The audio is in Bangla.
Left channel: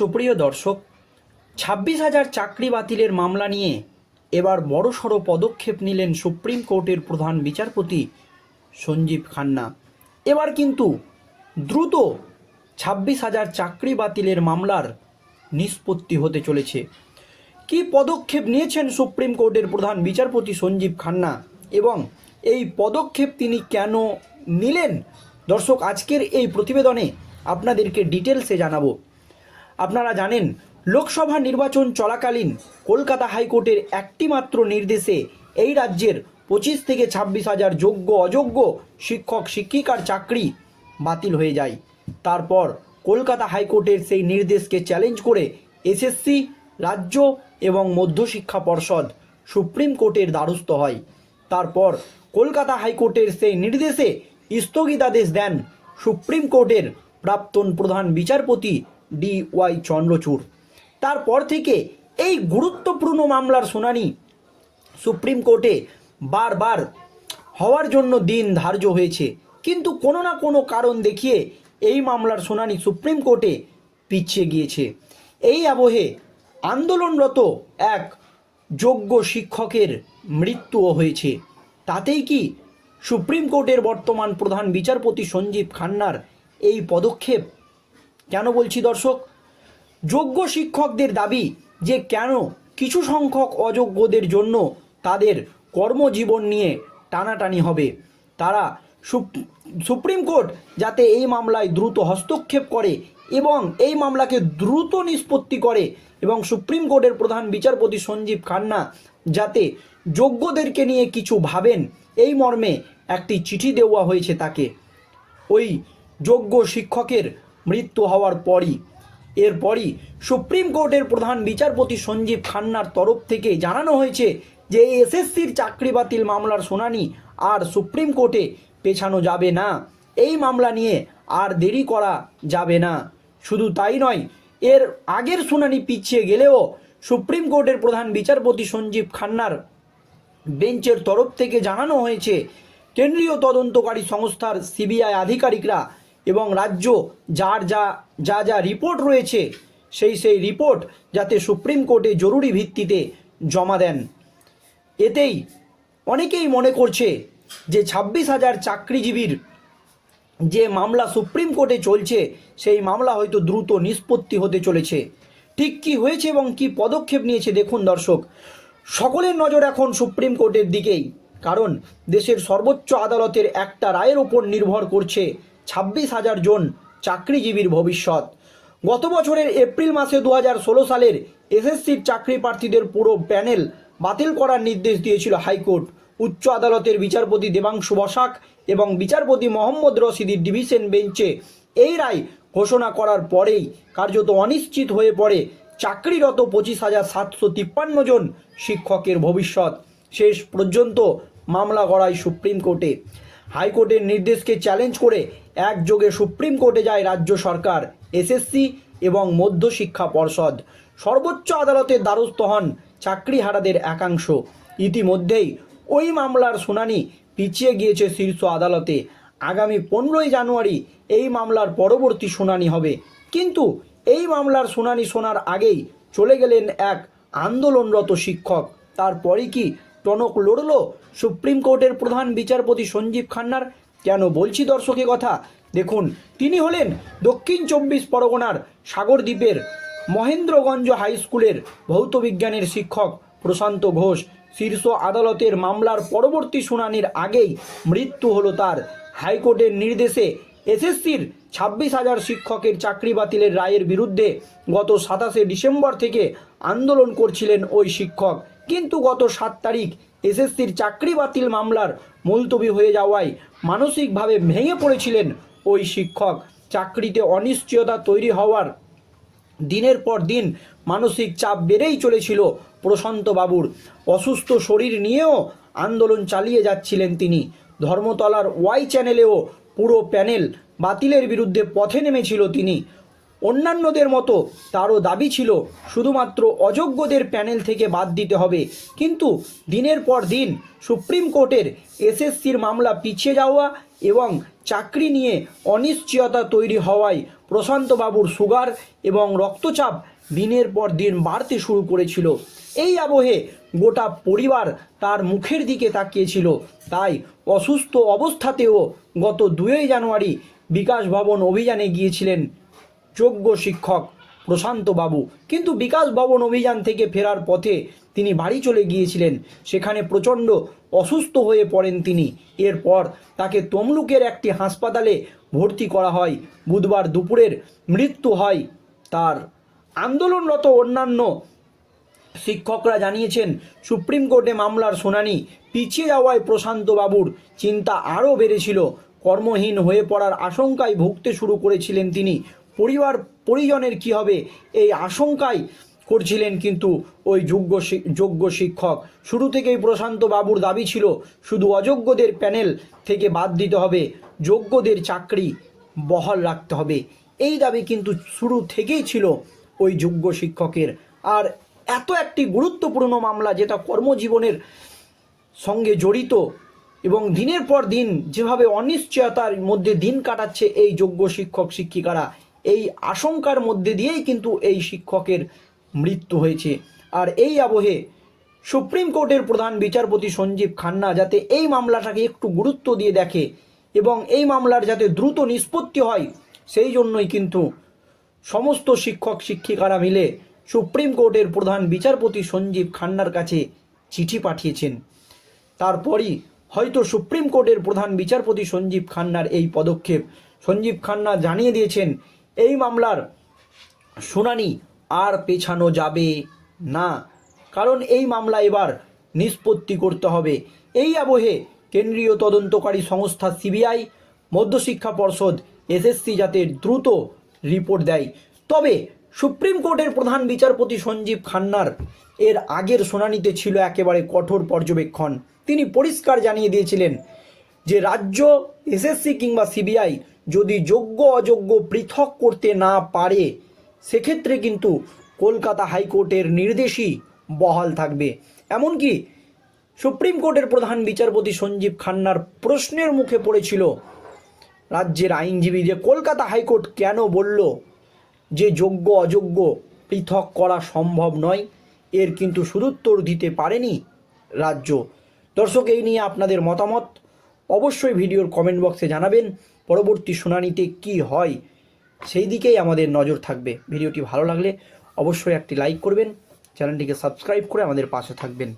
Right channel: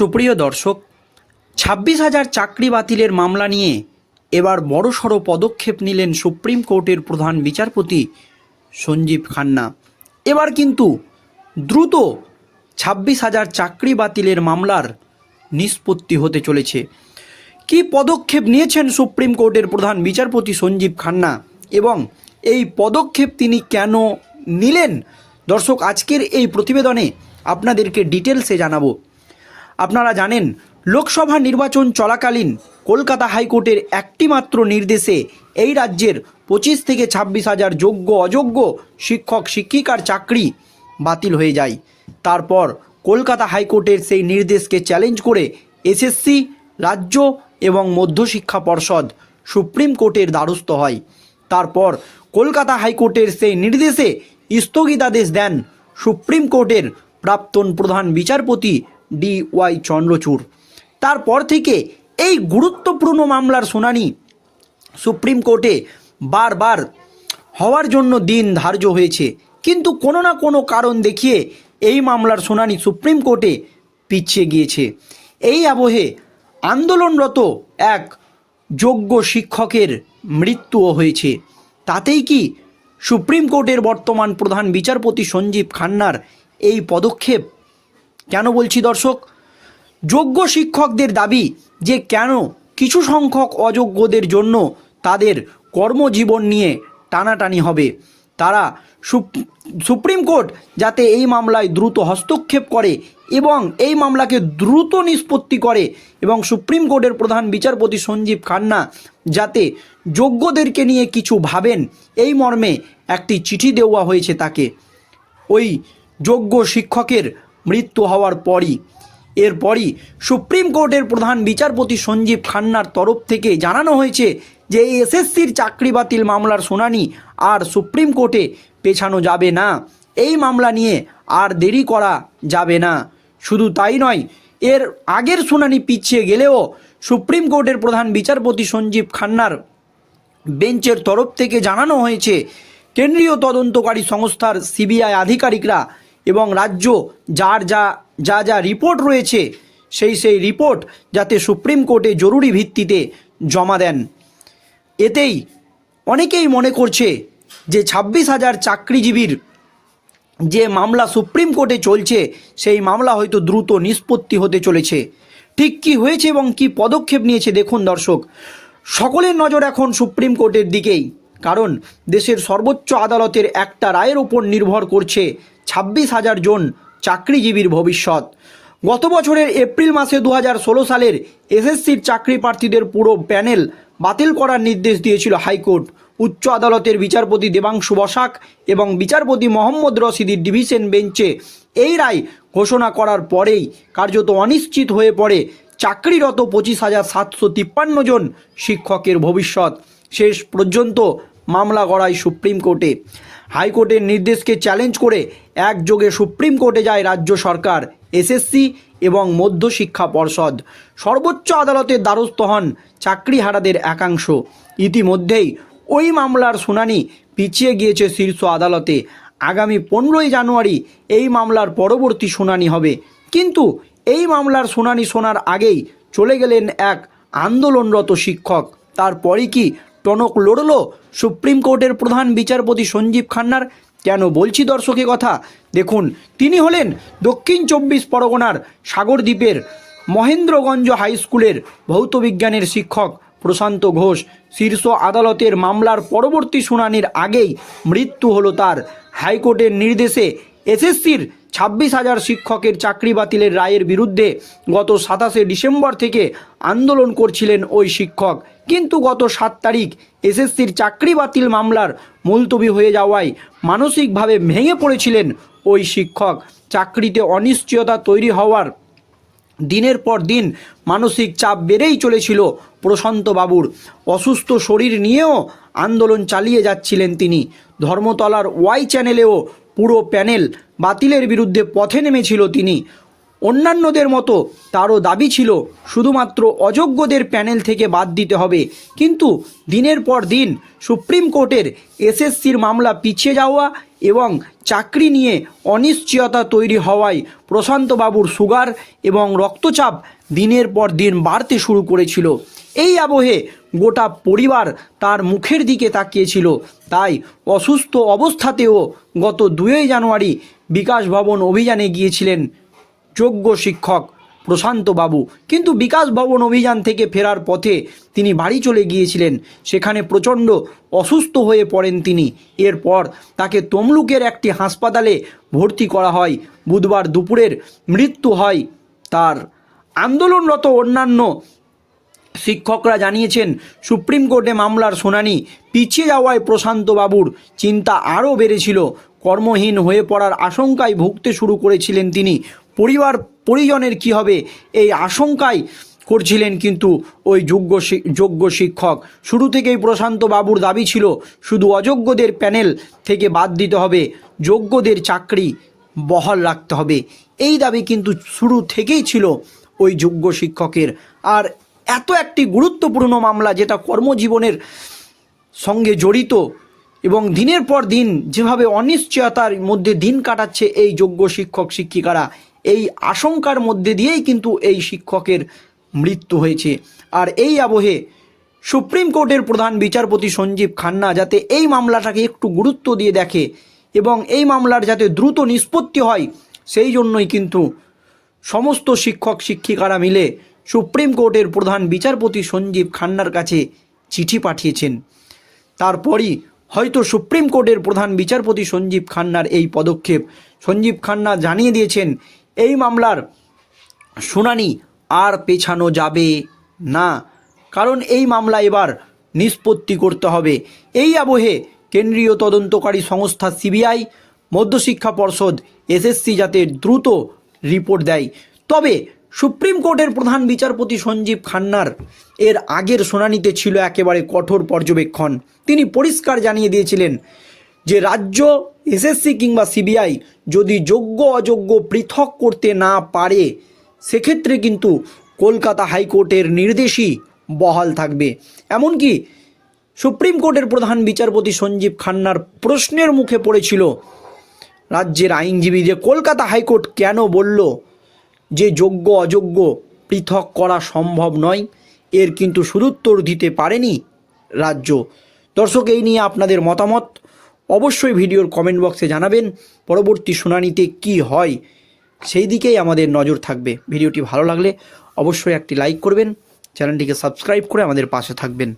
সুপ্রিয় দর্শক, ছাব্বিশ হাজার চাকরি বাতিলের মামলা নিয়ে এবার বড়সড় পদক্ষেপ নিলেন সুপ্রিম কোর্টের প্রধান বিচারপতি সঞ্জীব খান্না। এবার কিন্তু দ্রুত ছাব্বিশ হাজার চাকরি বাতিলের মামলার নিষ্পত্তি হতে চলেছে। কি পদক্ষেপ নিয়েছেন সুপ্রিম কোর্টের প্রধান বিচারপতি সঞ্জীব খান্না এবং এই পদক্ষেপ তিনি কেন নিলেন? দর্শক, আজকের এই প্রতিবেদনে আপনাদেরকে ডিটেলসে জানাব। আপনারা জানেন, লোকসভা নির্বাচন চলাকালীন কলকাতা হাইকোর্টের একটি মাত্র নির্দেশে এই রাজ্যের পঁচিশ থেকে ছাব্বিশ হাজার যোগ্য অযোগ্য শিক্ষক, শিক্ষিকার চাকরি বাতিল হয়ে যায়। তারপর কলকাতা হাইকোর্টের সেই নির্দেশকে চ্যালেঞ্জ করে এসএসসি, রাজ্য এবং মধ্যশিক্ষা পর্ষদ সুপ্রিম কোর্টের দ্বারস্থ হয়। তারপর কলকাতা হাইকোর্টের সেই নির্দেশে স্থগিতাদেশ দেন সুপ্রিম কোর্টের প্রাক্তন প্রধান বিচারপতি ডি ওয়াই চন্দ্রচূড়। তারপর থেকে এই গুরুত্বপূর্ণ মামলার শুনানি সুপ্রিম কোর্টে বারবার হওয়ার জন্য দিন ধার্য হয়েছে। কিন্তু কোনো না কোনো কারণ দেখিয়ে এই মামলার শুনানি সুপ্রিম কোর্টে পিছিয়ে গিয়েছে। এই আবহে আন্দোলনরত এক যোগ্য শিক্ষকের মৃত্যুও হয়েছে। তাতেই কি সুপ্রিম কোর্টের বর্তমান প্রধান বিচারপতি সঞ্জীব খান্নার এই পদক্ষেপ কেন বলছি দর্শক? যোগ্য শিক্ষকদের দাবি যে কেন কিছু সংখ্যক অযোগ্যদের জন্য তাদের কর্মজীবন নিয়ে টানাটানি হবে। তারা সুপ্রিম কোর্ট যাতে এই মামলায় দ্রুত হস্তক্ষেপ করে এবং এই মামলাকে দ্রুত নিষ্পত্তি করে এবং সুপ্রিম কোর্টের প্রধান বিচারপতি সঞ্জীব খান্না যাতে যোগ্যদেরকে নিয়ে কিছু ভাবেন, এই মর্মে একটি চিঠি দেওয়া হয়েছে তাকে। ওই যোগ্য শিক্ষকের মৃত্যু হওয়ার পরই। এরপরই সুপ্রিম কোর্টের প্রধান বিচারপতি সঞ্জীব খান্নার তরফ থেকে জানানো হয়েছে যে এসএসসির চাকরি বাতিল মামলার শুনানি আর সুপ্রিম কোর্টে পেছানো যাবে না। এই মামলা নিয়ে আর দেরি করা যাবে না। শুধু তাই নয়, এর আগের শুনানি পিছিয়ে গেলেও সুপ্রিম কোর্টের প্রধান বিচারপতি সঞ্জীব খান্নার বেঞ্চের তরফ থেকে জানানো হয়েছে, কেন্দ্রীয় তদন্তকারী সংস্থার সিবিআই আধিকারিকরা এবং রাজ্য যার যা যা যা রিপোর্ট রয়েছে, সেই সেই রিপোর্ট যাতে সুপ্রিম কোর্টে জরুরি ভিত্তিতে জমা দেন। এতেই অনেকেই মনে করছে যে ছাব্বিশ হাজার চাকরিজীবীর যে মামলা সুপ্রিম কোর্টে চলছে, সেই মামলা হয়তো দ্রুত নিষ্পত্তি হতে চলেছে। ঠিক কি হয়েছে এবং কি পদক্ষেপ নিয়েছে দেখুন দর্শক। সকলের নজর এখন সুপ্রিম কোর্টের দিকেই। কারণ দেশের সর্বোচ্চ আদালতের একটা রায়ের ওপর নির্ভর করছে ছাব্বিশ হাজার জন চাকরিজীবীর ভবিষ্যৎ। গত বছরের এপ্রিল মাসে দু সালের এসএসসির চাকরি প্রার্থীদের পুরো প্যানেল বাতিল করার নির্দেশ দিয়েছিল হাইকোর্ট। উচ্চ আদালতের বিচারপতি দেবাংশু বসাক এবং বিচারপতি মোহাম্মদ রশিদির ডিভিশন বেঞ্চে এই রায় ঘোষণা করার পরেই কার্যত অনিশ্চিত হয়ে পড়ে চাকরিরত পঁচিশ হাজার সাতশো তিপ্পান্ন জন শিক্ষকের ভবিষ্যৎ। শেষ পর্যন্ত মামলা গড়ায় সুপ্রিম কোর্টে। হাইকোর্টের নির্দেশকে চ্যালেঞ্জ করে একযোগে সুপ্রিম কোর্টে যায় রাজ্য সরকার, এসএসসি এবং মধ্যশিক্ষা পর্ষদ। সর্বোচ্চ আদালতের দ্বারস্থ হন চাকরিহারাদের একাংশ। ইতিমধ্যেই ওই মামলার শুনানি পিছিয়ে গিয়েছে শীর্ষ আদালতে। আগামী পনেরোই জানুয়ারি এই মামলার পরবর্তী শুনানি হবে। কিন্তু এই মামলার শুনানি শোনার আগেই চলে গেলেন এক আন্দোলনরত শিক্ষক। তারপরই কি টনক লড়ল। সুপ্রিম কোর্টের প্রধান বিচারপতি সঞ্জীব খান্নার। কেন বলছি দর্শকের কথা? দেখুন, তিনি হলেন দক্ষিণ চব্বিশ পরগনার সাগরদ্বীপের মহেন্দ্রগঞ্জ হাই স্কুলের ভৌতবিজ্ঞানের শিক্ষক প্রশান্ত ঘোষ। শীর্ষ আদালতের মামলার পরবর্তী শুনানির আগেই মৃত্যু হলো তার। হাইকোর্টের নির্দেশে এসএসসির ছাব্বিশ হাজার শিক্ষকের চাকরি বাতিলের রায়ের বিরুদ্ধে গত সাতাশে ডিসেম্বর থেকে আন্দোলন করছিলেন ওই শিক্ষক। কিন্তু গত সাত তারিখ এসএসসির চাকরি বাতিল মামলার মুলতবি হয়ে যাওয়ায় মানসিকভাবে ভেঙে পড়েছিলেন ওই শিক্ষক। চাকরিতে অনিশ্চয়তা তৈরি হওয়ার দিনের পর দিন মানসিক চাপ বেড়েই চলেছিল প্রশান্ত বাবুর। অসুস্থ শরীর নিয়েও আন্দোলন চালিয়ে যাচ্ছিলেন তিনি। ধর্মতলার ওয়াই চ্যানেলেও পুরো প্যানেল বাতিলের বিরুদ্ধে পথে নেমেছিল তিনি। অন্যান্যদের মতো তারও দাবি ছিল শুধুমাত্র অযোগ্যদের প্যানেল থেকে বাদ দিতে হবে। কিন্তু দিনের পর দিন সুপ্রিম কোর্টের এসএসসির মামলা পিছিয়ে যাওয়া এবং চাকরি নিয়ে অনিশ্চয়তা তৈরি হওয়ায় প্রশান্তবাবুর সুগার এবং রক্তচাপ দিনের পর দিন বাড়তে শুরু করেছিল। এই আবহে গোটা পরিবার তার মুখের দিকে তাকিয়েছিল। তাই অসুস্থ অবস্থাতেও গত দুই জানুয়ারি বিকাশ ভবন অভিযানে গিয়েছিলেন যোগ্য শিক্ষক প্রশান্ত বাবু। কিন্তু বিকাশ ভবন অভিযান থেকে ফেরার পথে তিনি বাড়ি চলে গিয়েছিলেন। সেখানে প্রচণ্ড অসুস্থ হয়ে পড়েন তিনি। এরপর তাকে তমলুকের একটি হাসপাতালে ভর্তি করা হয়। বুধবার দুপুরের মৃত্যু হয় তার। আন্দোলনরত অন্যান্য শিক্ষকরা জানিয়েছেন, সুপ্রিম কোর্টে মামলার শুনানি পিছিয়ে যাওয়ায় প্রশান্ত বাবুর চিন্তা আরও বেড়েছিল। কর্মহীন হয়ে পড়ার আশঙ্কায় ভুগতে শুরু করেছিলেন তিনি। পরিবার, পরিজনের কি হবে এই আশঙ্কায় করছিলেন কিন্তু ওই যোগ্য যোগ্য শিক্ষক। শুরু থেকেই প্রশান্ত বাবুর দাবি ছিল, শুধু অযোগ্যদের প্যানেল থেকে বাদ দিতে হবে, যোগ্যদের চাকরি বহাল রাখতে হবে। এই দাবি কিন্তু শুরু থেকেই ছিল ওই যোগ্য শিক্ষকের। আর এত একটি গুরুত্বপূর্ণ মামলা যেটা কর্মজীবনের সঙ্গে জড়িত এবং দিনের পর দিন যেভাবে অনিশ্চয়তার মধ্যে দিন কাটাচ্ছে এই যোগ্য শিক্ষক, শিক্ষিকারা এই আশঙ্কার মধ্যে দিয়েই কিন্তু এই শিক্ষকের মৃত্যু হয়েছে। আর এই আবহে সুপ্রিম কোর্টের প্রধান বিচারপতি সঞ্জীব খান্না যাতে এই মামলাটাকে একটু গুরুত্ব দিয়ে দেখে এবং এই মামলার যাতে দ্রুত নিষ্পত্তি হয়, সেই জন্যই কিন্তু সমস্ত শিক্ষক শিক্ষিকারা মিলে সুপ্রিম কোর্টের প্রধান বিচারপতি সঞ্জীব খান্নার কাছে চিঠি পাঠিয়েছেন। তারপরই হয়তো সুপ্রিম কোর্টের প্রধান বিচারপতি সঞ্জীব খান্নার এই পদক্ষেপ। সঞ্জীব খান্না জানিয়ে দিয়েছেন এই মামলার শুনানি আর পেছানো যাবে না। কারণ এই মামলা এবার নিষ্পত্তি করতে হবে। এই আবহে কেন্দ্রীয় তদন্তকারী সংস্থা সিবিআই, মধ্যশিক্ষা পর্ষদ, এসএসসি যাতে দ্রুত রিপোর্ট দেয়। তবে সুপ্রিম কোর্টের প্রধান বিচারপতি সঞ্জীব খান্নার এর আগের শুনানিতে ছিল একেবারে কঠোর পর্যবেক্ষণ। তিনি পরিষ্কার জানিয়ে দিয়েছিলেন যে রাজ্য এসএসসি কিংবা সিবিআই যদি যোগ্য অযোগ্য পৃথক করতে না পারে, সেক্ষেত্রে কিন্তু কলকাতা হাইকোর্টের নির্দেশই বহাল থাকবে। এমনকি সুপ্রিম কোর্টের প্রধান বিচারপতি সঞ্জীব খান্নার প্রশ্নের মুখে পড়েছিল রাজ্যের আইনজীবী যে কলকাতা হাইকোর্ট কেন বলল যে যোগ্য অযোগ্য পৃথক করা সম্ভব নয়, এর কিন্তু সুদুত্তর দিতে পারেনি রাজ্য। দর্শক, এই নিয়ে আপনাদের মতামত। অবশ্যই ভিডিওর কমেন্ট বক্সে জানাবেন পরবর্তী শুনানিতে কি হয় সেই দিকেই আমাদের নজর থাকবে। ভিডিওটি ভালো লাগলে অবশ্যই একটি লাইক করবেন, চ্যানেলটিকে সাবস্ক্রাইব করে আমাদের পাশে থাকবেন।